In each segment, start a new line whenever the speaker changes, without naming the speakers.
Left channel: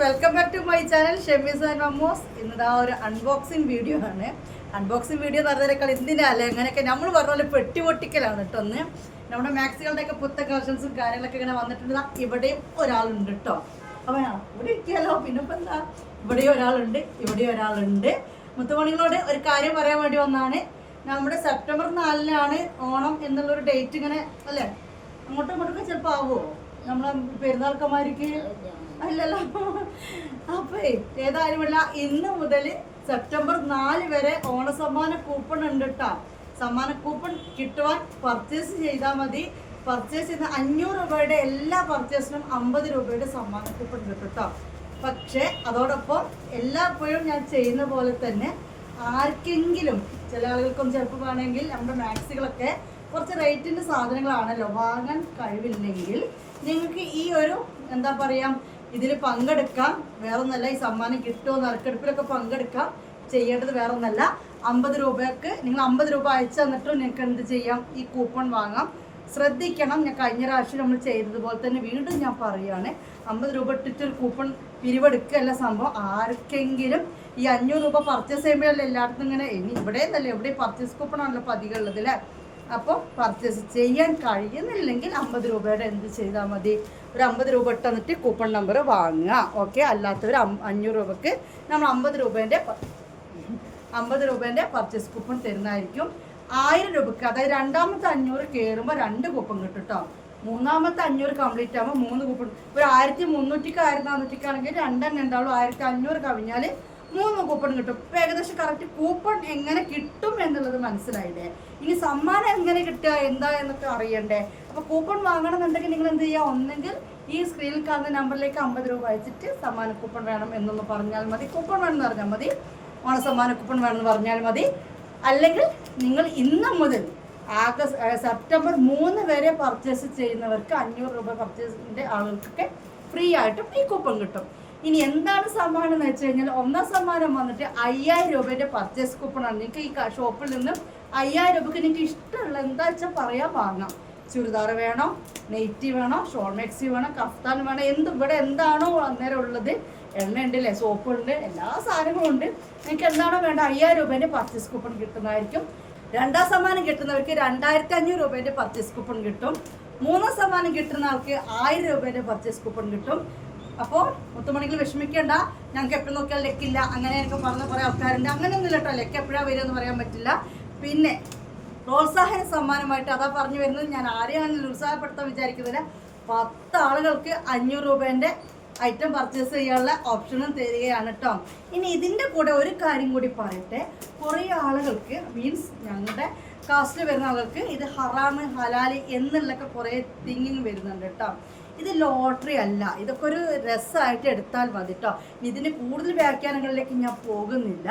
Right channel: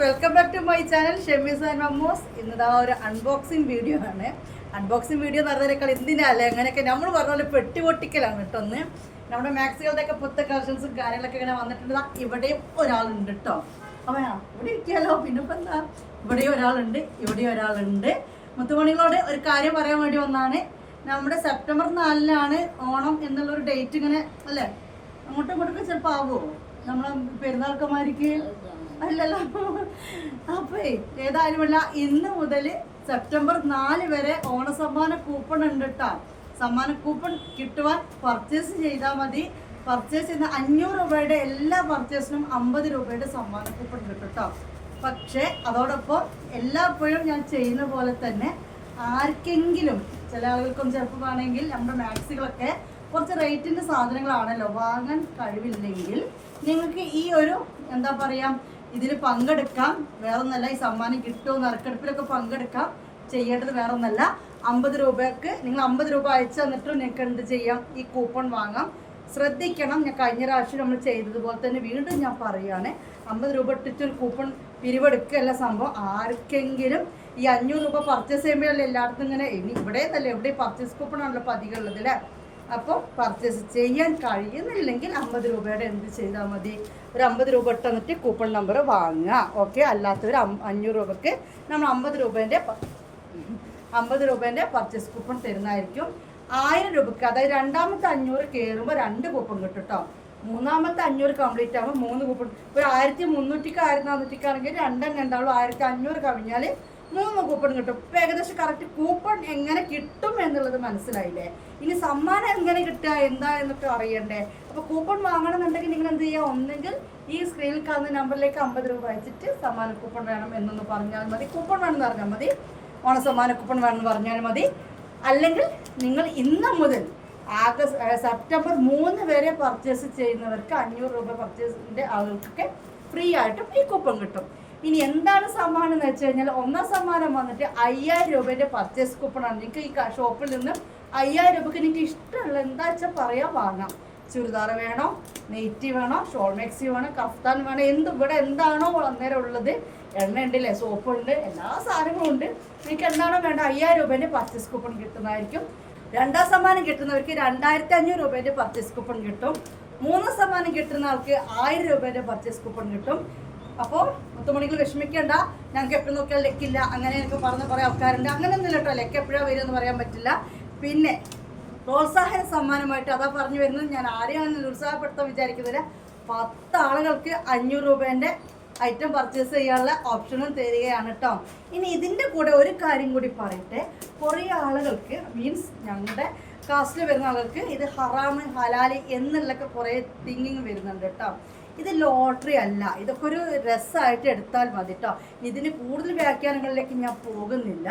Welcome back to my channel Shemees and Mammos ഇന്നതാ ഒരു unboxing video ആണ്. Unboxing video എന്ന് പറഞ്ഞതിനേക്കാൾ എന്തിനല്ല അങ്ങനെയൊക്കെ നമ്മൾ പറഞ്ഞ പോലെ പെട്ടി പൊട്ടിക്കലാണ് കേട്ടോ ഒന്ന് നമ്മുടെ മാക്സികളുടെയൊക്കെ പുത്ത കളക്ഷൻസും കാര്യങ്ങളൊക്കെ ഇങ്ങനെ വന്നിട്ടുണ്ട്. ഇവിടെയും ഒരാളുണ്ട് കേട്ടോ. അപ്പോൾ ഇവിടെ ഇരിക്കാലോ പിന്നെ ഇപ്പം എന്താ? ഇവിടെയും ഒരാളുണ്ട് ഇവിടെയും ഒരാളുണ്ട്. മുത്തുമണികളോട് ഒരു കാര്യം പറയാൻ വേണ്ടി വന്നാണ്. നമ്മുടെ സെപ്റ്റംബർ നാലിനാണ് ഓണം എന്നുള്ളൊരു ഡേറ്റ് ഇങ്ങനെ അല്ലേ? അങ്ങോട്ടും ഇങ്ങോട്ടൊക്കെ ചിലപ്പോൾ ആവുമോ നമ്മളെ പെരുന്നാൾക്കന്മാർക്ക് അല്ലല്ലോ. അപ്പേ ഏതായാലുമല്ല ഇന്ന് മുതൽ സെപ്റ്റംബർ നാല് വരെ ഓണസമ്മാന കൂപ്പൺ ഉണ്ട് കേട്ടോ സമ്മാന കൂപ്പൺ കിട്ടുവാൻ പർച്ചേസ് ചെയ്താൽ മതി. പർച്ചേസ് ചെയ്യുന്ന അഞ്ഞൂറ് രൂപയുടെ എല്ലാ പർച്ചേസിനും അമ്പത് രൂപയുടെ സമ്മാന കൂപ്പൺ കിട്ടും കേട്ടോ പക്ഷേ അതോടൊപ്പം എല്ലായ്പ്പോഴും ഞാൻ ചെയ്യുന്ന പോലെ തന്നെ ആർക്കെങ്കിലും ചില ആളുകൾക്കൊന്നും ചിലപ്പോൾ വേണമെങ്കിൽ നമ്മുടെ മാക്സികളൊക്കെ കുറച്ച് റേറ്റിന്റെ സാധനങ്ങളാണല്ലോ വാങ്ങാൻ കഴിവില്ലെങ്കിൽ നിങ്ങൾക്ക് ഈ ഒരു എന്താ പറയുക ഇതിൽ പങ്കെടുക്കാം. വേറൊന്നല്ല ഈ സമ്മാനം കിട്ടുമോ നറുക്കെടുപ്പിലൊക്കെ പങ്കെടുക്കാം. ചെയ്യേണ്ടത് വേറൊന്നല്ല. അമ്പത് രൂപയ്ക്ക് നിങ്ങൾ അമ്പത് രൂപ അയച്ചു തന്നിട്ടും നിങ്ങൾക്ക് എന്ത് ചെയ്യാം? ഈ കൂപ്പൺ വാങ്ങാം. ശ്രദ്ധിക്കണം. ഞാൻ കഴിഞ്ഞ പ്രാവശ്യം നമ്മൾ ചെയ്തതുപോലെ തന്നെ വീണ്ടും ഞാൻ പറയുകയാണ് അമ്പത് രൂപ ഇട്ടിട്ട് ഒരു കൂപ്പൺ പിരിവെടുക്കുകയല്ല സംഭവം. ആർക്കെങ്കിലും ഈ അഞ്ഞൂറ് രൂപ പർച്ചേസ് ചെയ്യുമ്പോഴല്ലേ എല്ലായിടത്തും ഇങ്ങനെ ഇനി ഇവിടെ എന്നല്ല എവിടെ പർച്ചേസ് കൂപ്പൺ ആണല്ലോ പതികളുള്ളത് അല്ലേ? അപ്പോൾ പർച്ചേസ് ചെയ്യാൻ കഴിയുന്നില്ലെങ്കിൽ അമ്പത് രൂപയുടെ എന്ത് ചെയ്താൽ മതി? ഒരു അമ്പത് രൂപ ഇട്ടെന്നിട്ട് കൂപ്പൺ നമ്പർ വാങ്ങുക. ഓക്കെ അല്ലാത്തവർ അഞ്ഞൂറ് രൂപയ്ക്ക് നമ്മൾ അമ്പത് രൂപേന്റെ അമ്പത് രൂപേന്റെ പർച്ചേസ് കൂപ്പൺ തരുന്നതായിരിക്കും. ആയിരം രൂപക്ക് അതായത് രണ്ടാമത്തെ അഞ്ഞൂറ് കയറുമ്പോൾ രണ്ട് കൂപ്പൺ കിട്ടും കേട്ടോ മൂന്നാമത്തെ അഞ്ഞൂറ് കംപ്ലീറ്റ് ആകുമ്പോൾ മൂന്ന് കൂപ്പൺ ഒരു ആയിരത്തി മുന്നൂറ്റിക്ക് ആയിരത്തി നാനൂറ്റിക്കാണെങ്കിൽ രണ്ടെണ്ണം ഉണ്ടാവുള്ളൂ. ആയിരത്തി അഞ്ഞൂറ് കവിഞ്ഞാൽ മൂന്ന് കൂപ്പൺ കിട്ടും. ഇപ്പം ഏകദേശം കറക്റ്റ് കൂപ്പൺ എങ്ങനെ കിട്ടും എന്നുള്ളത് മനസ്സിലായില്ലേ? ഇനി സമ്മാനം എങ്ങനെ കിട്ടുക എന്താ എന്നൊക്കെ അറിയണ്ടേ? അപ്പൊ കൂപ്പൺ വാങ്ങണമെന്നുണ്ടെങ്കിൽ നിങ്ങൾ എന്ത് ചെയ്യുക? ഒന്നെങ്കിൽ ഈ സ്ക്രീനിൽ കാണുന്ന നമ്പറിലേക്ക് അമ്പത് രൂപ അയച്ചിട്ട് സമ്മാന കൂപ്പൺ വേണം എന്നൊന്ന് പറഞ്ഞാൽ മതി. കൂപ്പൺ വേണമെന്ന് പറഞ്ഞാൽ മതി. ഓണ സമ്മാന കൂപ്പൺ വേണമെന്ന് പറഞ്ഞാൽ മതി. അല്ലെങ്കിൽ നിങ്ങൾ ഇന്ന് മുതൽ ആഗസ്റ്റ് സെപ്റ്റംബർ മൂന്ന് വരെ പർച്ചേസ് ചെയ്യുന്നവർക്ക് അഞ്ഞൂറ് രൂപ പർച്ചേസിന്റെ ആളുകൾക്കൊക്കെ ഫ്രീ ആയിട്ടും ഈ കൂപ്പൺ കിട്ടും. ഇനി എന്താണ് സമ്മാനം എന്ന് വെച്ച് കഴിഞ്ഞാൽ ഒന്നാം സമ്മാനം വന്നിട്ട് അയ്യായിരം രൂപയുടെ പർച്ചേസ് കൂപ്പണാണ് നിങ്ങൾക്ക് ഈ ഷോപ്പിൽ നിന്ന് അയ്യായിരം രൂപയ്ക്ക് നിങ്ങൾക്ക് ഇഷ്ടമുള്ള എന്താ വെച്ചാൽ പറയാൻ വാങ്ങാം. ചുരിദാർ വേണോ നെയ്റ്റി വേണോ ഷോൾ മെക്സി വേണോ കഫ്താൻ വേണോ എന്ത് ഇവിടെ എന്താണോ അന്നേരം ഉള്ളത് എണ്ണ ഉണ്ട് അല്ലേ സോപ്പുണ്ട് എല്ലാ സാധനങ്ങളും ഉണ്ട്. നിങ്ങൾക്ക് എന്താണോ വേണ്ട അയ്യായിരം രൂപേന്റെ പർച്ചേസ് കൂപ്പൺ കിട്ടുന്നതായിരിക്കും. രണ്ടാം സമ്മാനം കിട്ടുന്നവർക്ക് രണ്ടായിരത്തി അഞ്ഞൂറ് രൂപേന്റെ പർച്ചേസ് കൂപ്പൺ കിട്ടും. മൂന്നാം സമ്മാനം കിട്ടുന്ന ആൾക്ക് ആയിരം രൂപേന്റെ പർച്ചേസ് കൂപ്പൺ കിട്ടും. അപ്പോൾ മുത്തുമണികൾ വിഷമിക്കേണ്ട. ഞങ്ങൾക്ക് എപ്പോഴും നോക്കിയാൽ ലെക്കില്ല. എനിക്ക് പറഞ്ഞ കുറേ ആൾക്കാരുണ്ട്. അങ്ങനെയൊന്നുമില്ല കേട്ടോ ലെക്ക് എപ്പോഴാണ് വരിക എന്ന് പറയാൻ പറ്റില്ല. പിന്നെ പ്രോത്സാഹന സമ്മാനമായിട്ട് അതാ പറഞ്ഞു വരുന്നത്. ഞാൻ ആരെയും അങ്ങനെ നിരുത്സാഹപ്പെടുത്താൻ വിചാരിക്കുന്നില്ല പത്ത് ആളുകൾക്ക് അഞ്ഞൂറ് രൂപേന്റെ ഐറ്റം പർച്ചേസ് ചെയ്യാനുള്ള ഓപ്ഷനും തരികയാണ് കേട്ടോ ഇനി ഇതിന്റെ കൂടെ ഒരു കാര്യം കൂടി പറയട്ടെ. കുറേ ആളുകൾക്ക് മീൻസ് ഞങ്ങളുടെ കാസ്റ്റിൽ വരുന്ന ആളുകൾക്ക് ഇത് ഹറാമ് ഹലാലി എന്നുള്ളൊക്കെ കുറേ തിങ്കിങ് വരുന്നുണ്ട് കേട്ടോ ഇത് ലോട്ടറി അല്ല. ഇതൊക്കെ ഒരു രസമായിട്ട് എടുത്താൽ മതി കേട്ടോ ഇതിന് കൂടുതൽ വ്യാഖ്യാനങ്ങളിലേക്ക് ഞാൻ പോകുന്നില്ല.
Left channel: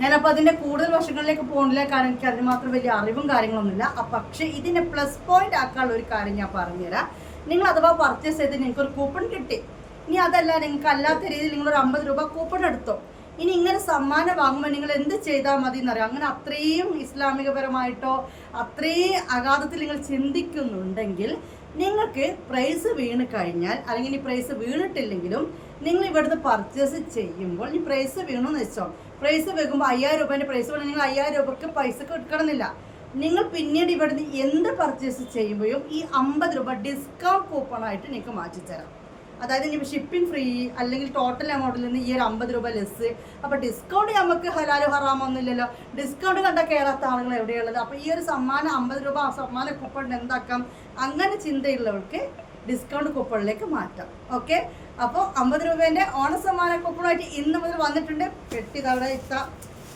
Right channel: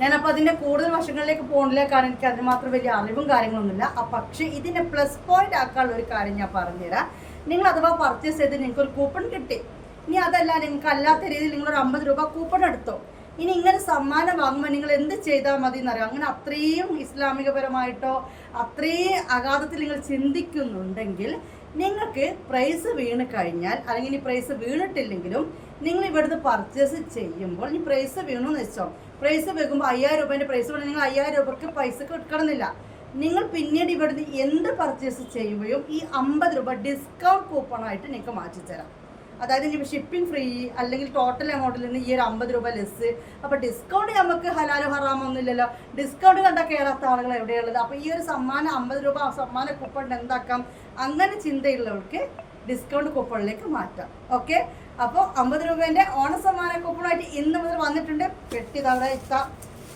ഞാനപ്പോൾ അതിന്റെ കൂടുതൽ വശങ്ങളിലേക്ക് പോകുന്നില്ല കാരണം എനിക്ക് അതിന് മാത്രം വലിയ അറിവും കാര്യങ്ങളൊന്നുമില്ല. പക്ഷേ ഇതിനെ പ്ലസ് പോയിന്റ് ആക്കാനുള്ള ഒരു കാര്യം ഞാൻ പറഞ്ഞുതരാം. നിങ്ങൾ അഥവാ പർച്ചേസ് ചെയ്ത് നിങ്ങൾക്ക് ഒരു കൂപ്പൺ കിട്ടി. ഇനി അതല്ല നിങ്ങൾക്ക് അല്ലാത്ത രീതിയിൽ നിങ്ങളൊരു അമ്പത് രൂപ കൂപ്പൺ എടുത്തോ. ഇനി ഇങ്ങനെ സമ്മാനം വാങ്ങുമ്പോൾ നിങ്ങൾ എന്ത് ചെയ്താൽ മതി എന്നറിയാം അങ്ങനെ അത്രയും ഇസ്ലാമികപരമായിട്ടോ അത്രയും അഗാധത്തിൽ നിങ്ങൾ ചിന്തിക്കുന്നുണ്ടെങ്കിൽ നിങ്ങൾക്ക് പ്രൈസ് വീണ് കഴിഞ്ഞാൽ അല്ലെങ്കിൽ ഈ പ്രൈസ് വീണിട്ടില്ലെങ്കിലും നിങ്ങൾ ഇവിടുന്ന് പർച്ചേസ് ചെയ്യുമ്പോൾ ഈ പ്രൈസ് വീണു എന്ന് വെച്ചോ. പ്രൈസ് വെക്കുമ്പോൾ അയ്യായിരം രൂപേന്റെ പ്രൈസ് വേണം നിങ്ങൾ അയ്യായിരം രൂപക്ക് പൈസ കിട്ടണമെന്നില്ല നിങ്ങൾ പിന്നീട് ഇവിടുന്ന് എന്ത് പർച്ചേസ് ചെയ്യുമ്പോഴും ഈ അമ്പത് രൂപ ഡിസ്കൗണ്ട് കൂപ്പണായിട്ട് നിങ്ങൾക്ക് മാറ്റിത്തരാം. അതായത് ഇനി ഷിപ്പിംഗ് ഫ്രീ അല്ലെങ്കിൽ ടോട്ടൽ എമൗണ്ടിൽ നിന്ന് ഈ ഒരു അമ്പത് രൂപ ലെസ് അപ്പോൾ ഡിസ്കൗണ്ട് നമുക്ക് ഹലാലോ ഹറാമൊന്നും ഇല്ലല്ലോ. ഡിസ്കൗണ്ട് കണ്ടാൽ കയറാത്ത ആളുകൾ എവിടെയുള്ളത് അപ്പോൾ ഈ ഒരു സമ്മാനം അമ്പത് രൂപ സമ്മാന കൂപ്പൺ എന്താക്കാം? അങ്ങനെ ചിന്തയുള്ളവർക്ക് ഡിസ്കൗണ്ട് കൂപ്പണിലേക്ക് മാറ്റാം. ഓക്കെ അപ്പോൾ അമ്പത് രൂപേന്റെ ഓണസമ്മാന കൂപ്പണായിട്ട് ഇന്ന് മുതൽ വന്നിട്ടുണ്ട്. പെട്ടി തവിടെ ഇത്ത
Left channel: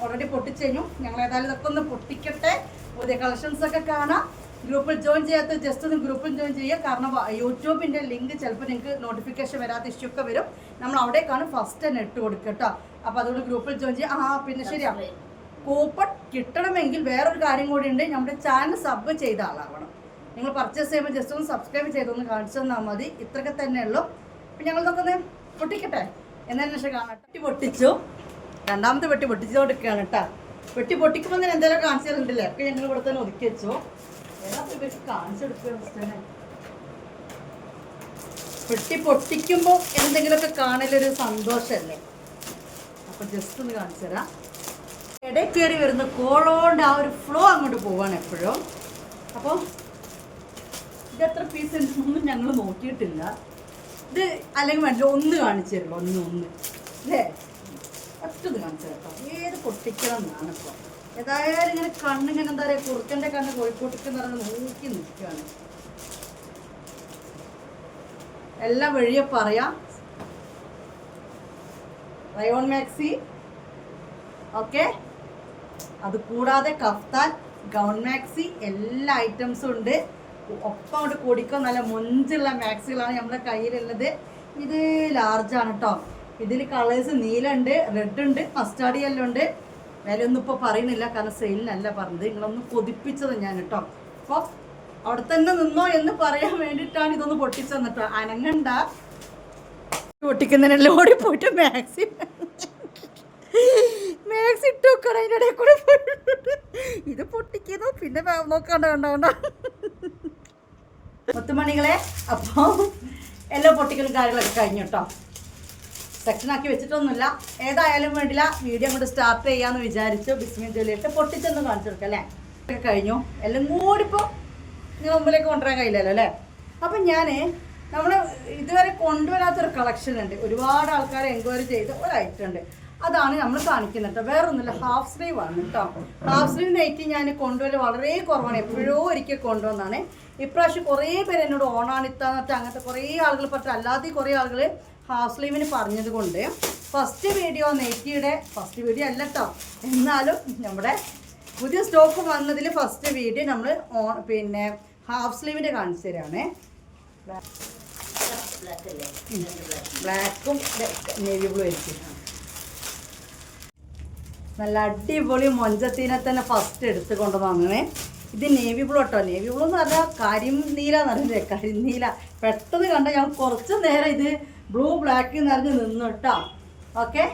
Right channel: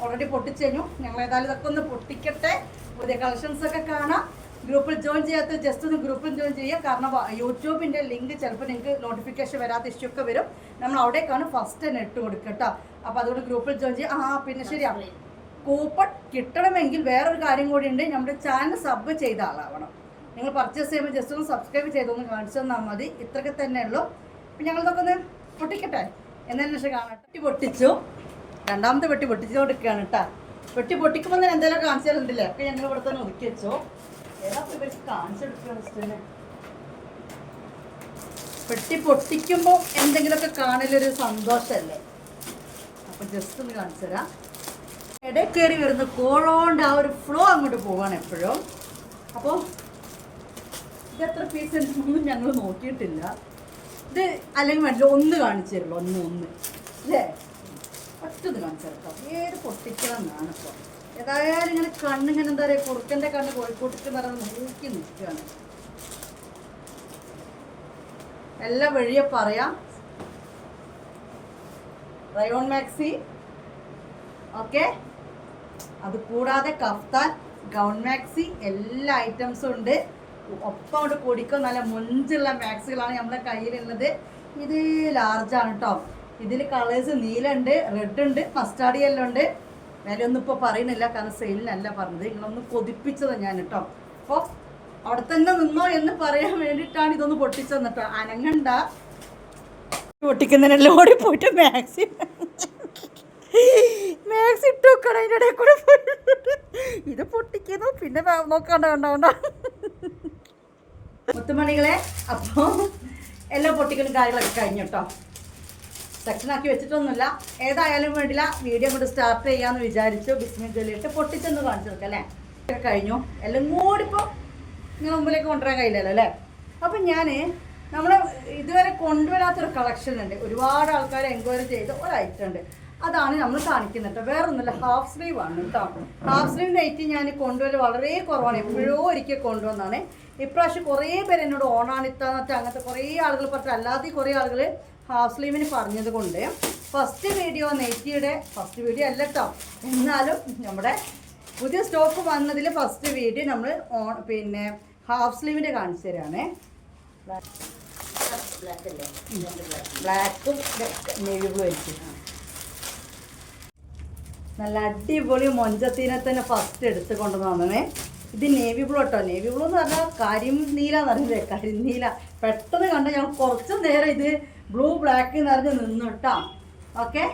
ഓൾറെഡി പൊട്ടിച്ചു കഴിഞ്ഞു ഞങ്ങൾ ഏതായാലും ഇതൊക്കെ ഒന്ന് പൊട്ടിക്കട്ടെ. പുതിയ കളക്ഷൻസ് ഒക്കെ കാണാം. ഗ്രൂപ്പിൽ ജോയിൻ ചെയ്യാത്ത ജസ്റ്റ് ഒന്ന് ഗ്രൂപ്പിൽ ജോയിൻ ചെയ്യുക. കാരണം യൂട്യൂബിന്റെ ലിങ്ക് ചിലപ്പോൾ നിങ്ങൾക്ക് നോട്ടിഫിക്കേഷൻ വരാത്ത ഇഷ്യൂ ഒക്കെ വരും. നമ്മൾ അവിടേക്കാണ് ഫസ്റ്റ് തന്നെ ഇട്ട് കൊടുക്കുക കേട്ടോ അപ്പോൾ അതുകൊണ്ട് ഗ്രൂപ്പിൽ ജോയിൻ ചെയ്യുക. ആ പിന്നെ ശരിയാ. കൂപ്പൺ കിട്ടണമെങ്കിൽ വേറൊരു കാര്യം കൂടി ഉണ്ട്. നമ്മുടെ ചാനൽ സബ് ചെയ്ത ആളാവണം. നിങ്ങൾ പർച്ചേസ് ചെയ്യുമ്പോൾ ജസ്റ്റ് ഒന്ന് സബ്സ്ക്രൈബ് ചെയ്തൊന്ന് കാണിച്ചു തന്നാൽ മതി. ഇത്രയൊക്കെ തന്നെ ഉള്ളൂ. അപ്പം ഞങ്ങൾ നോക്കുന്നത് പൊട്ടിക്കട്ടെ? എന്നതിന് ശേഷം കാണാം വെട്ടി പൊട്ടിച്ചു. രണ്ടാമത്തെ വെട്ടി പൊട്ടിച്ചുകൊണ്ടിരിക്കുകയാണ് കേട്ടോ വെട്ടി പൊട്ടിക്കുമ്പോൾ തന്നെ എന്തെങ്കിലും കാണിച്ചാലുണ്ടല്ലേ? ഒക്കെ ഞങ്ങൾ ഇവിടെ തന്നെ ഒതുക്കി വെച്ചു. പെട്ടി പൊട്ടിക്കുമ്പോൾ എന്തെങ്കിലുമൊക്കെ കാണലൊരു സന്തോഷമല്ലേ അപ്പൊ ജസ്റ്റ് ഒന്ന് കാണിച്ചു തരാം. ഇടയിൽ കയറി വരുന്ന കോളോണ്ട് ആ ഒരു ഫ്ലോ അങ്ങോട്ട് പോവാണ് എപ്പോഴും. അപ്പോൾ ഇത് എത്ര പീസ് ഉണ്ടെന്നൊന്നും ഞങ്ങൾ നോക്കിയിട്ടില്ല. ഇത് അല്ലെങ്കിൽ വേണ്ട ഒന്ന് കാണിച്ചു തരുള്ളൂ ഒന്ന് ഒന്ന്. അല്ലേ? ഒറ്റത് കാണിച്ചു തരാം ഏത് പൊട്ടിക്കണം എന്നാണ് ഇപ്പോൾ ഏതായാലും ഇങ്ങനെ കണ്ണിങ്ങനെ എന്താ പറയുക കുറുക്കന്റെ കണ്ണ് കോഴിക്കോട്ടേക്ക് പറഞ്ഞ് നോക്കി നിൽക്കുകയാണ്. എല്ലാം വഴിയെ പറയാം. Rayon maxi. ഓക്കെ? അത് കൂടാതെ കഫ്താൻ ഗൗൺ മാക്സി എല്ലാ ഐറ്റംസും ഉണ്ട്. ഒപ്പം കൊണ്ട് പൊടിക്കോ നല്ല മൊഞ്ചുള്ള മാക്സികളാണ് നമ്മുടെ കയ്യിലുള്ളത്. ഇത് ലാർജാണ് കേട്ടോ ഇതിൽ കളേഴ്സ് നീലുണ്ട് റെഡ് ഉണ്ട് മസ്റ്റാർഡ് യെല്ലോ ഉണ്ട്. വിലയൊന്നും ഇപ്പോൾ പറയുന്നില്ല കാരണം സെയിലിനല്ല പറഞ്ഞത്. നിങ്ങളൊന്ന് കൊതിപ്പിച്ചത് ഞാൻ കേട്ടോ. അപ്പോൾ അവിടെ തന്നെ നിന്നോ എന്ന് പറയാൻ വേണ്ടിയിട്ടാണ് ഇതൊന്ന് പൊട്ടിച്ചത് കേട്ടോ. അനങ്ങണ്ട. പൊട്ടിക്കുന്നതിനെല്ലാം ഓടി പോയിട്ട് മാക്സി മാക്സി ഇട്ട് വെക്കണം അതിന്റെ ഇടയിൽ കൂടെ ഇത് പൊട്ടിക്കുന്നു പിന്നെ നോക്കാണ്ട കണ്ട കണ്ട മുത്തുമണികളെ അപ്പോൾ എല്ലാ പൊട്ടിക്കലും കാര്യങ്ങളൊക്കെ കഴിഞ്ഞു കേട്ടോ. സെക്ഷനാക്കി വെച്ചിട്ടൊന്നുമില്ല. ഏതായാലും വേണ്ടില്ല വീഡിയോ അങ്ങോട്ട് സ്റ്റാർട്ട് ചെയ്യാന്ന് വിചാരിച്ചു. ബിസ്മി ജോലിയിട്ട് പൊട്ടിച്ചൊന്ന് കാണിച്ചു കൊടുക്കാം അല്ലേ? ഇതൊക്കെ കഴിഞ്ഞു. എല്ലാം കൂടി ഇപ്പോൾ നിങ്ങൾ മുമ്പിലേക്ക് കൊണ്ടുവരാൻ കഴിയില്ലല്ലോ അല്ലേ? അപ്പം ഞാൻ നമ്മൾ ഇതുവരെ കൊണ്ടുവരാത്തൊരു കളക്ഷൻ ഉണ്ട്. ഒരുപാട് ആൾക്കാർ എൻക്വയറി ചെയ്ത് ഒരു ഐറ്റം ഉണ്ട്. അതാണ് നമ്മൾ കാണിക്കുന്നത്. കേട്ടോ വേറൊന്നുമില്ല. ഹാഫ് സ്ലീവ് ആണ് കേട്ടോ ഹാഫ് സ്ലീവ് നെയ്റ്റ് ഞാൻ കൊണ്ടുവരൽ വളരെ കുറവാണ്. എപ്പോഴോ ഒരിക്കൽ കൊണ്ടുവന്നാണ്. ഇപ്രാവശ്യം കുറേ പേര് എന്നോട് ഓണാണിത്താന്നിട്ട് അങ്ങനത്തെ കുറേ ആളുകൾ പറഞ്ഞു അല്ലാതെ കുറേ ആളുകൾ ഹാഫ് സ്ലീവിന് പറഞ്ഞത് കൊണ്ട് ഫസ്റ്റ് വീഡിയോ നെറ്റിയുടെ ഫസ്റ്റ് വീഡിയോ അല്ല കേട്ടോ എന്നാലും നമ്മുടെ പുതിയ സ്റ്റോക്ക് വന്നതിൽ ഫസ്റ്റ് വീഡിയോ നമ്മൾ ഓൺ പിന്നെ ഹാഫ് സ്ലീവിന്റെ കാണിച്ചു തരാണേ. ബ്ലാക്കും നേവി ബ്ലൂ ആയിരിക്കും. നല്ല അടിപൊളി മൊഞ്ചത്തീനെ തന്നെ ഫസ്റ്റ് എടുത്ത് കൊണ്ടുവന്നേ ഇത് നേവി ബ്ലൂ കേട്ടോ നേവി ബ്ലൂ എന്ന് പറഞ്ഞാൽ കരിം നീല പറഞ്ഞില്ലേ? കരിനീല പെട്ടെന്ന് കണ്ട ഞാൻ കുറച്ച് നേരം ഇത് ബ്ലൂ ബ്ലാക്ക് നിറഞ്ഞ് നിന്നു കേട്ടോ ഓക്കെ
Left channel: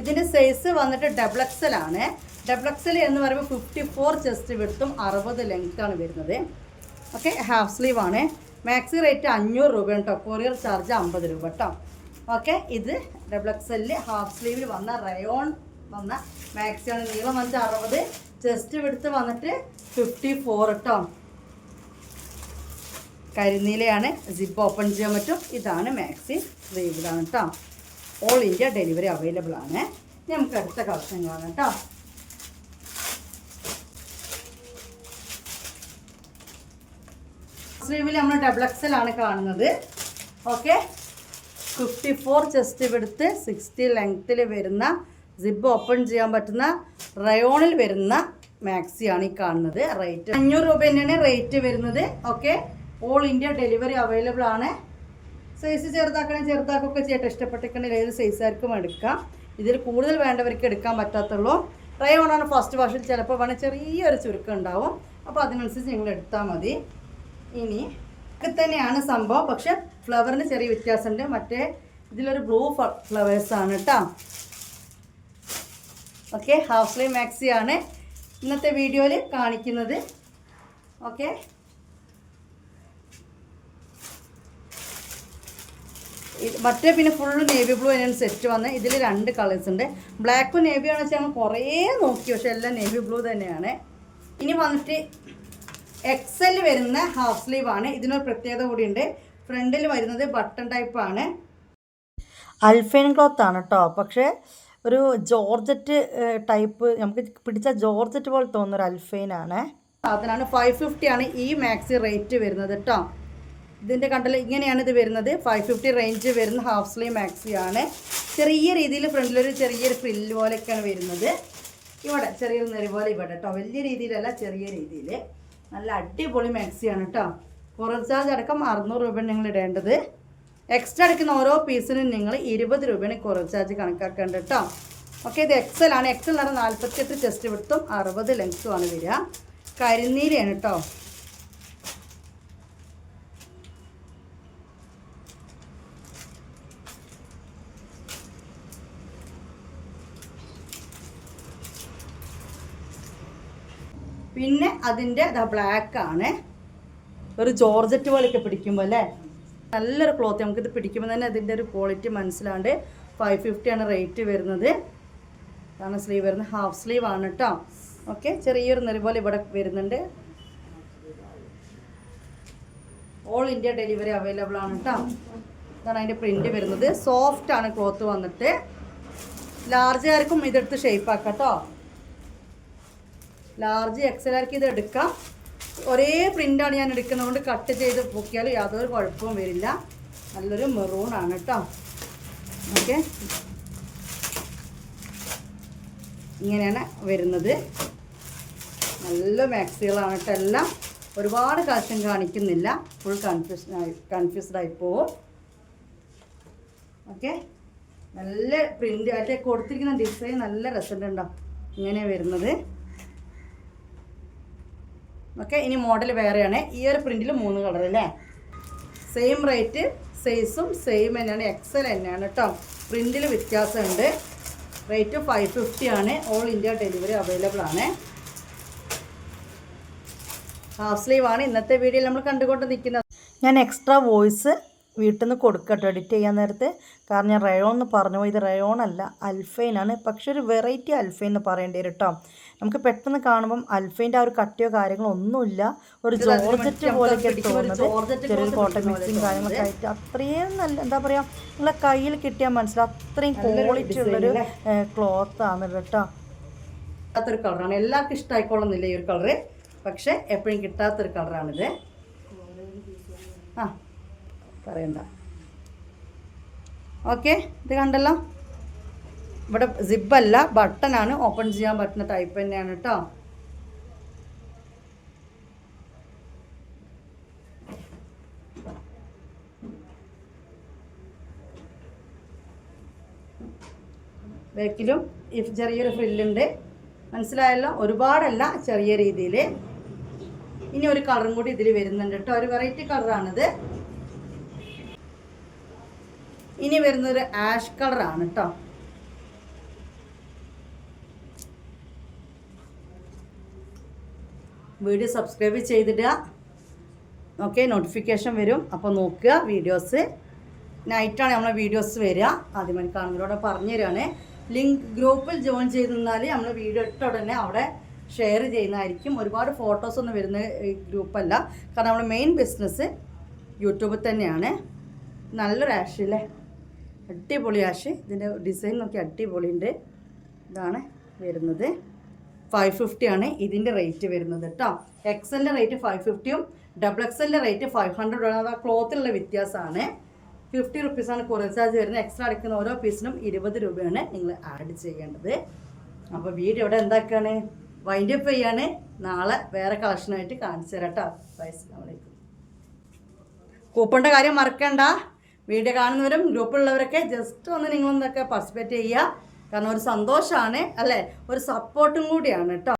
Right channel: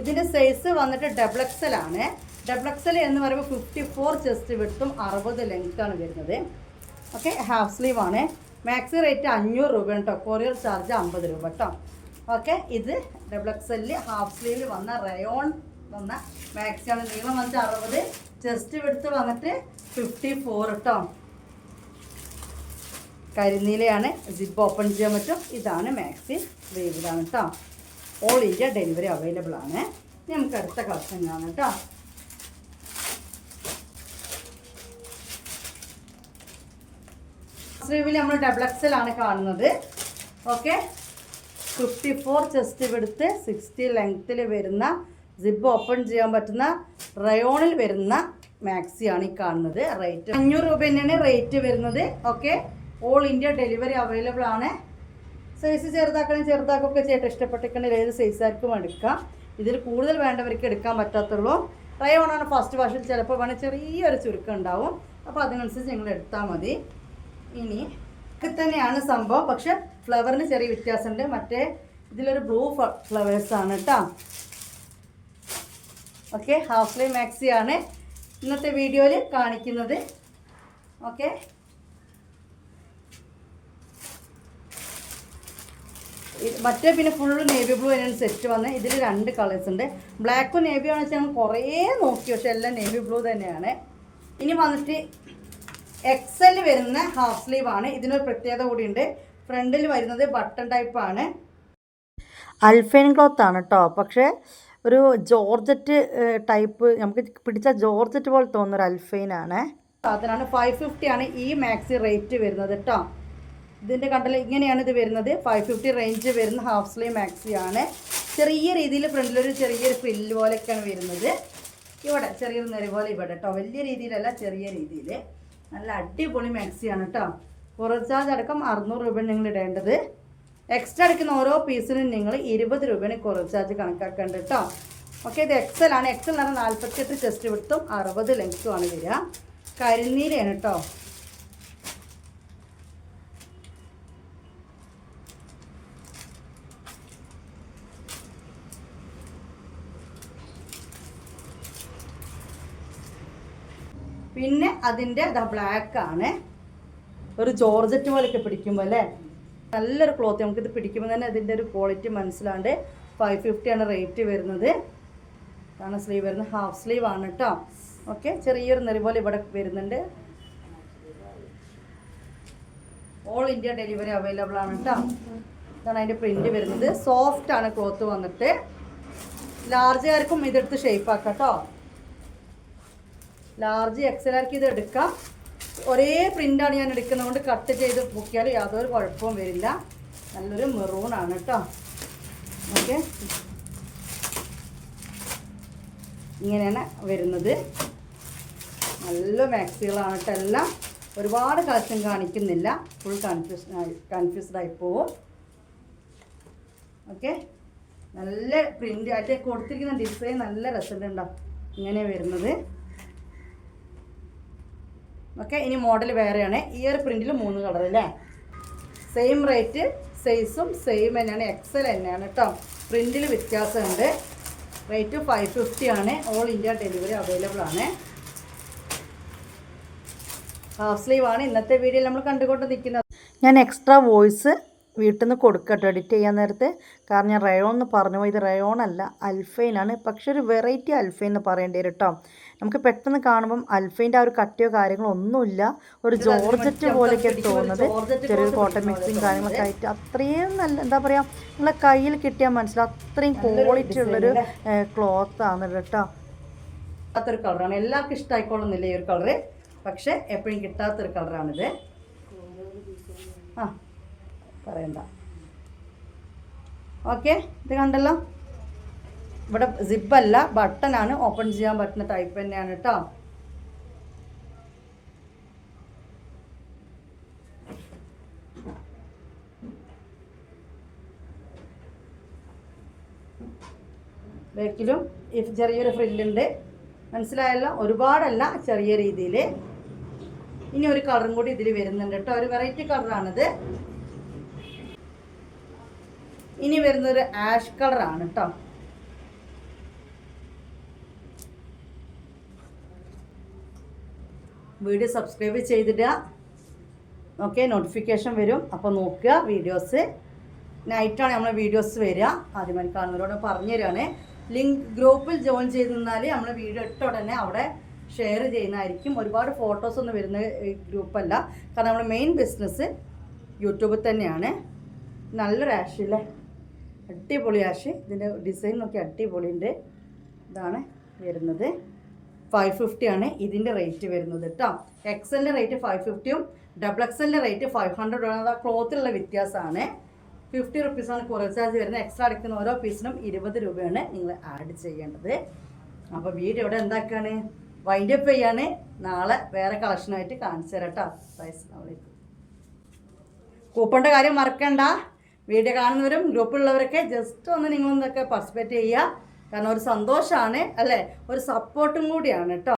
ഇതിന്റെ സൈസ് വന്നിട്ട് ഡബിൾ എക്സൽ ആണ്. ഡബിൾ എക്സൽ എന്ന് പറയുമ്പോൾ ഫിഫ്റ്റി ഫോർ ചെസ്റ്റ് വിടുത്തും അറുപത് ലെങ്ത് ആണ് വരുന്നത്. ഓക്കെ ഹാഫ് സ്ലീവ് ആണ്. മാക്സി റേറ്റ് അഞ്ഞൂറ് രൂപ കേട്ടോ കൊറിയർ ചാർജ് അമ്പത് രൂപ കേട്ടോ ഓക്കെ ഇത് ഡബിൾ എക്സലിൽ ഹാഫ് സ്ലീവിൽ വന്ന റയോൺ വന്ന മാക്സിയാണ് നീളം വന്നിട്ട് അറുപത് ചെസ്റ്റ് എടുത്ത് വന്നിട്ട് ഫിഫ്റ്റി ഫോർ കേട്ടോ കരിനീലയാണ് ജിപ്പ് ഓപ്പൺ ചെയ്യാൻ പറ്റും. ഇതാണ് മാക്സി വേവിലാണ് കേട്ടോ ഓൾ ഇന്ത്യ ഡെലിവറി അവൈലബിൾ ആണ്. നമുക്ക് അടുത്ത കളക്ഷൻ കാണാം കേട്ടോ സ്ലീവിൽ നമ്മൾ ഡബിൾ എക്സൽ ആണ് കാണുന്നത്. ഓക്കെ ഫിഫ്റ്റി ഫോർ ചെസ്റ്റ് എടുത്ത് സിക്സ്റ്റി ലെങ്ത്തിൽ വരുന്ന സിബ് ഓപ്പൺ ചെയ്യാൻ പറ്റുന്ന റയോണിൽ വരുന്ന മാക്സിയാണ് ഈ കാണുന്നത്. റേറ്റ് അഞ്ഞൂറ് രൂപ തന്നെയാണ് റേറ്റ് വരുന്നത്. Okay all India delivery available ആണ്. സൈസ് ചെറുതാക്കണേ ചെറുതാക്കൊക്കെ ചേട്ടാ ഇഷ്ടപ്പെട്ടിട്ടുണ്ടെങ്കിൽ ഏത് സൈസാർക്കും എടുക്കാം. ഇതിൽ കൂടുതൽ വേണ്ടവർക്ക് എടുക്കാൻ പറ്റാത്തുള്ളൂ. റയോണാണ് ഫസ്റ്റ് വാഷിൽ ചിലപ്പോൾ വേണേൽ ചെറിയൊരു ചുരുക്കം ഉണ്ടാവും. അപ്പോൾ അതിനനുസരിച്ച് നിങ്ങൾ എടുത്താൽ മതി. ഇനി ഒക്കെ തന്നെയാണ് സംഭവം. പക്ഷെ ഫ്ലവറിന് ചെറിയ വ്യത്യാസമുണ്ട്. മറ്റേ ഇതിലൊരു ബ്ലൂ ഫ്ലവേഴ്സാണ് കേട്ടോ ഓക്കെ ഹാഫ് സ്ലീവ് ആണ് ഇന്നത്തെ വീഡിയോയിൽ കാണിക്കുന്നത്. ഓക്കെ. മറ്റേ പിന്നെ ഫുൾ നേവി ബ്ലൂ അതിനാണ് സെറ്റ് വന്ന്. ഇതിൽ രണ്ട് കളേഴ്സ് ഉണ്ട്. ബ്ലാക്കും ആണെന്ന് വെച്ചാൽ ഞങ്ങൾ കുറേ നോക്കി പക്ഷേ എല്ലാം നേവി ബ്ലൂ തന്നെയാണ്. ഇനി വന്നിട്ട് എക്സൽ വരുന്ന ഹാഫ് സ്ലീവ് ആണ്. ഇതിനൊരു പ്രത്യേകത കൂടിയുണ്ട്. ഫ്രണ്ടിൽ വരുന്നത് ബട്ടൺ ടൈപ്പാണ് അൽഫൈൻ ക്ലോത്ത് ആണ് കേട്ടോ പക്ഷേ ഒരു ജോർജറ്റ് ടൈപ്പ് നമുക്ക് പിടിച്ച ജോർജറ്റ് പോലെ തോന്നുന്ന ഒരു അൽഫൈൻ ആണ് അതിനാണ് ഫൈവ് ഫിഫ്റ്റി ആണ് ഈ മാക്സി റേറ്റ് വരുന്നത് കേട്ടോ ഇതിന്റെ കണ്ടൽ ഇങ്ങനെയാണ് ഇത് വരുന്നത്. ഫൈവ് ഫിഫ്റ്റി റേഞ്ച് വരുന്ന ഹാഫ് സ്ലീവ് മാക്സി ആണ്. ചെറിയ രീതിയിൽ ഫ്രണ്ടിലൊരു ചെറിയൊരു ഫ്രില്ല് പോലെയൊക്കെയാണ് വരുന്നത്. ഇവിടെ ചെറിയൊരു നിറ പോലെ ഇവിടെ കേട്ടോ വലിയ രീതിയിലല്ല ചെറിയ രീതിയിൽ നല്ല അടിപൊളി മാക്സിയാണ് കേട്ടോ കുറച്ചാൽ അടക്കം അറുന്നൂറ് രൂപ നിങ്ങൾ ഇടേണ്ടത് എക്സ്ട്രാ എടുക്കുന്ന ഓരോ പീസിനും നിങ്ങൾ ഇരുപത് രൂപയാണ് കുറച്ച് ചാർജ് കണക്കാക്കേണ്ടത് കേട്ടോ ഓക്കെ ഇത് എക്സൽ ആണ്. എക്സൽ എന്ന് പറഞ്ഞാൽ നാൽപ്പത്തിയെട്ട് ചെസ്റ്റ് വിടുത്തും അറുപത് ലെങ്ത്തും ആണ് വരിക. കരിനീരാണ് കേട്ടോ പിന്നെ അതിന്റെ ബ്ലാക്ക് ആണ്. ഒരു ജോർജറ്റ് പോലെയൊക്കെ പിടിക്കുമ്പോൾ അല്ലേ? നല്ലൊരു ക്ലോത്ത് നമുക്കിത് പിടിക്കുമ്പോൾ തന്നെ അതിന്റെ ഒരു ക്വാളിറ്റി മനസ്സിലാണ്ട് ഫൈവ് ഫിഫ്റ്റി ആണ് റേറ്റ് വരുന്നത്. കാരണം സ്ലീവ് വരുന്നത്. ഹാഫ് സ്ലീവ് ആണ് കേട്ടോ ഓക്കെ ചെറിയൊരു നെറി പോലെ ഇവിടെ വരുന്നുണ്ട്. ഓൾ ഇന്ത്യ ഡെലിവറി അവൈലബിൾ ആണ് കേട്ടോ ഇതാണ് അതിന്റെ പ്രിന്റ് വരുന്നത്. സോഫ്റ്റ് ആണ് ക്ലോത്ത് വന്നിട്ട്. ലാർജുകാർക്കും ഇതെടുത്ത് ഷേപ്പ് ആക്കാം കേട്ടോ ലാർജ് എക്സലാർക്ക് ഇത് എടുക്കാം. ഒരേ പ്രിന്റാണ് ഞാൻ എടുക്കുന്നത് കൊണ്ട് കട്ട് ചെയ്ത് പൊക്കിയാൽ യാതൊരു കുഴപ്പവും വരില്ല. നല്ലൊരു മെറൂൺ ആണ് കേട്ടോ. ഓക്കെ. ഇങ്ങനെയാണ് വരുന്നത്. നല്ല മാക്സികളാണ് കേട്ടോ എല്ലാം. ഒരുപാട് കളക്ഷൻ കാണിക്കുന്നില്ല. ഫുൾ കൺഫ്യൂഷൻ ആയി കൺഫ്യൂസ്ഡ് ആയി പോവും. ഓക്കെ. നല്ല പ്രിന്റ് ആയിട്ട് കൊടുത്തിരിക്കുന്ന ഡിസൈൻ നല്ല രസമുണ്ടോ ഇങ്ങനെ വരുന്നത്. ഓക്കെ ഇനി മോഡൽ വേറെയാണ്. ഈ ഒരു പ്രിന്റിൽ മൂന്ന് കളർ അല്ലേ? സെയിം റേറ്റ് സൈസും സെയിം തന്നെയാണ്. എക്സൽ തന്നെയാണ് കേട്ടോ പ്രിന്റിൽ വ്യത്യാസമുണ്ട്. റേറ്റ് ഫൈവ് ഫിഫ്റ്റി ആണ്. ഓൾ ഇന്ത്യ ഡെലിവറി അവൈലബിൾ ആണ്. ഹാഫ് സ്ലീവ് ആണ്. ഇന്നത്തെ വീഡിയോയിൽ നമ്മൾ കണ്ടുകൊണ്ട് നിൽക്കുന്നത് ഞാൻ എക്സ്ട്രാ വോയിസ് വീട്ടിൽ നിന്ന് കൊടുക്കട്ടോ. എഡിറ്റ് ചെയ്യാൻ നേരത്തെ കാരണം ഞാൻ റയോൺ എന്ന് പറഞ്ഞു പോയത് ഇത് റയോൺ അല്ല അൽഫൈനാണ് പക്ഷെ ഒരു വെറൈറ്റി അൽഫൈൻ എന്ന് പറയേണ്ടി വരും കേട്ടോ നമുക്ക് പെട്ടെന്ന് കാണുമ്പം അൽഫൈന്റെ ആ ഒരു കട്ടിയോ കാര്യങ്ങളോ ഒന്നുമില്ല. ഒരു ജോർജറ്റ് പോലെയൊക്കെ തോന്നുന്നത്. ചെറിയൊരു കോട്ടൺ മിക്സിങ് കാര്യങ്ങളൊക്കെ ആയിട്ട് അത്രയും നല്ല എന്താ പറയുക നിങ്ങളെ കയ്യിൽ കിട്ടിയാൽ മനസ്സിലാവും. അത്രയും ക്വാളിറ്റി ഉള്ളൊരു ക്ലോത്ത് ആണ് കേട്ടോ കിട്ടാത്തൊരു കളറാണ് എല്ലാവർക്കും ഇഷ്ടമായിക്കോളുന്നില്ല ഈ ഒരു കളറ് പക്ഷേ എപ്പോഴും കിട്ടാത്തൊരു കളറാണിത് ആ. പറയണ്ട. ഓക്കെ ഇത് കണ്ടല്ലോ? ഇവിടെ സിബല്ല ബട്ടണാണ് ഓപ്പൺ ചെയ്യാൻ പറ്റുന്ന ടൈപ്പ് തന്നെയാണ് കേട്ടോ ബാക്കിലും ഈ ചെറിയൊരു ഫ്രില്ലുണ്ട് മനസ്സിലായല്ലോ? ഒരുപാടല്ല ചെറിയ രീതിയിൽ ഇനി ഒരു കളറും കൂടി ഇതിൽ വരുന്നുണ്ട് കേട്ടോ ഒരു വെറൈറ്റി കളറാണിത് ഇനി വരുന്നൊരു ആഷ് കളറാണ് കേട്ടോ വീഡിയോ സബ്സ്ക്രൈബ് ചെയ്തിടുക. ഓക്കെ നോട്ടിഫിക്കേഷൻ വരും. അപ്പോൾ നോക്കുക വീഡിയോസ് നൈറ്റാണ് നമ്മളെ വീഡിയോസ് വരിക. ആദ്യമായി കാണുന്നവരോട് പറഞ്ഞു തരികയാണ്. ലിങ്ക് ഗ്രൂപ്പിൽ ജോയിൻ ചെയ്ത് നിന്നാൽ നമ്മൾ വീഡിയോ ഇട്ട ഉടനെ അവിടെ ഷെയർ ചെയ്യുന്നതായിരിക്കും. ഒരുപാട് ഫോട്ടോസ് ഒന്നും വരുന്ന ഗ്രൂപ്പല്ല കാരണം നമ്മൾ മെയിൻ ബിസിനസ് യൂട്യൂബിൽ തന്നെയാണ്. നല്ലൊരു ആഷ് അടിപൊളി ആഷ് ഇതിന്റെ ഡിസൈൻ നോക്കി അടിപൊളിന്റെ ഇതാണ് വരുന്നത്. ഫൈവ് ഫിഫ്റ്റി ആണ് ഇതിന്റെ റേറ്റ് വരുന്നത് കേട്ടോ എക്സലിന്റെ റേറ്റ് ഫൈവ് ഫിഫ്റ്റിയും ഡബിൾ എക്സലിന്റെ റേറ്റ് ഫൈവ് ഹൺഡ്രഡ് ആണ്. അത് ആ ക്ലോത്തിലുള്ള വ്യത്യാസമാണ്. ഫിഫ്റ്റി റുപ്പീസാണ് കുറേ ചാർജ് വരുന്നത്. എക്സ്ട്രാ അടിക്കുന്ന ഓരോ പീസിനും ഇരുപത് രൂപയാണ് നിങ്ങൾ ആഡ് ചെയ്യേണ്ടത്. അപ്പോൾ വീട് ഇവിടെ എന്താക്കുകയാണ് വൈൻഡ് അപ്പ് ചെയ്യാണ്. നാളെ വേറെ കളക്ഷനായിട്ട് കാണിച്ചു തരാം കേട്ടോ വയസ്സിലാവലേക്ക് കൂപ്പണിന്റെ കാര്യം മറക്കണ്ട. വീഡിയോ കാണുന്നവരും ഗ്രൂപ്പിലുള്ളവരൊക്കെ ജസ്റ്റ് ഒന്ന് നിങ്ങളൊന്നൊക്കെ പാർട്ടിസിപ്പേറ്റ് ചെയ്യുക. കാരണം ഒരു സന്തോഷമാണ് അല്ലേ? ഒരു സപ്പോർട്ടും കൂടിയാണ് കേട്ടോ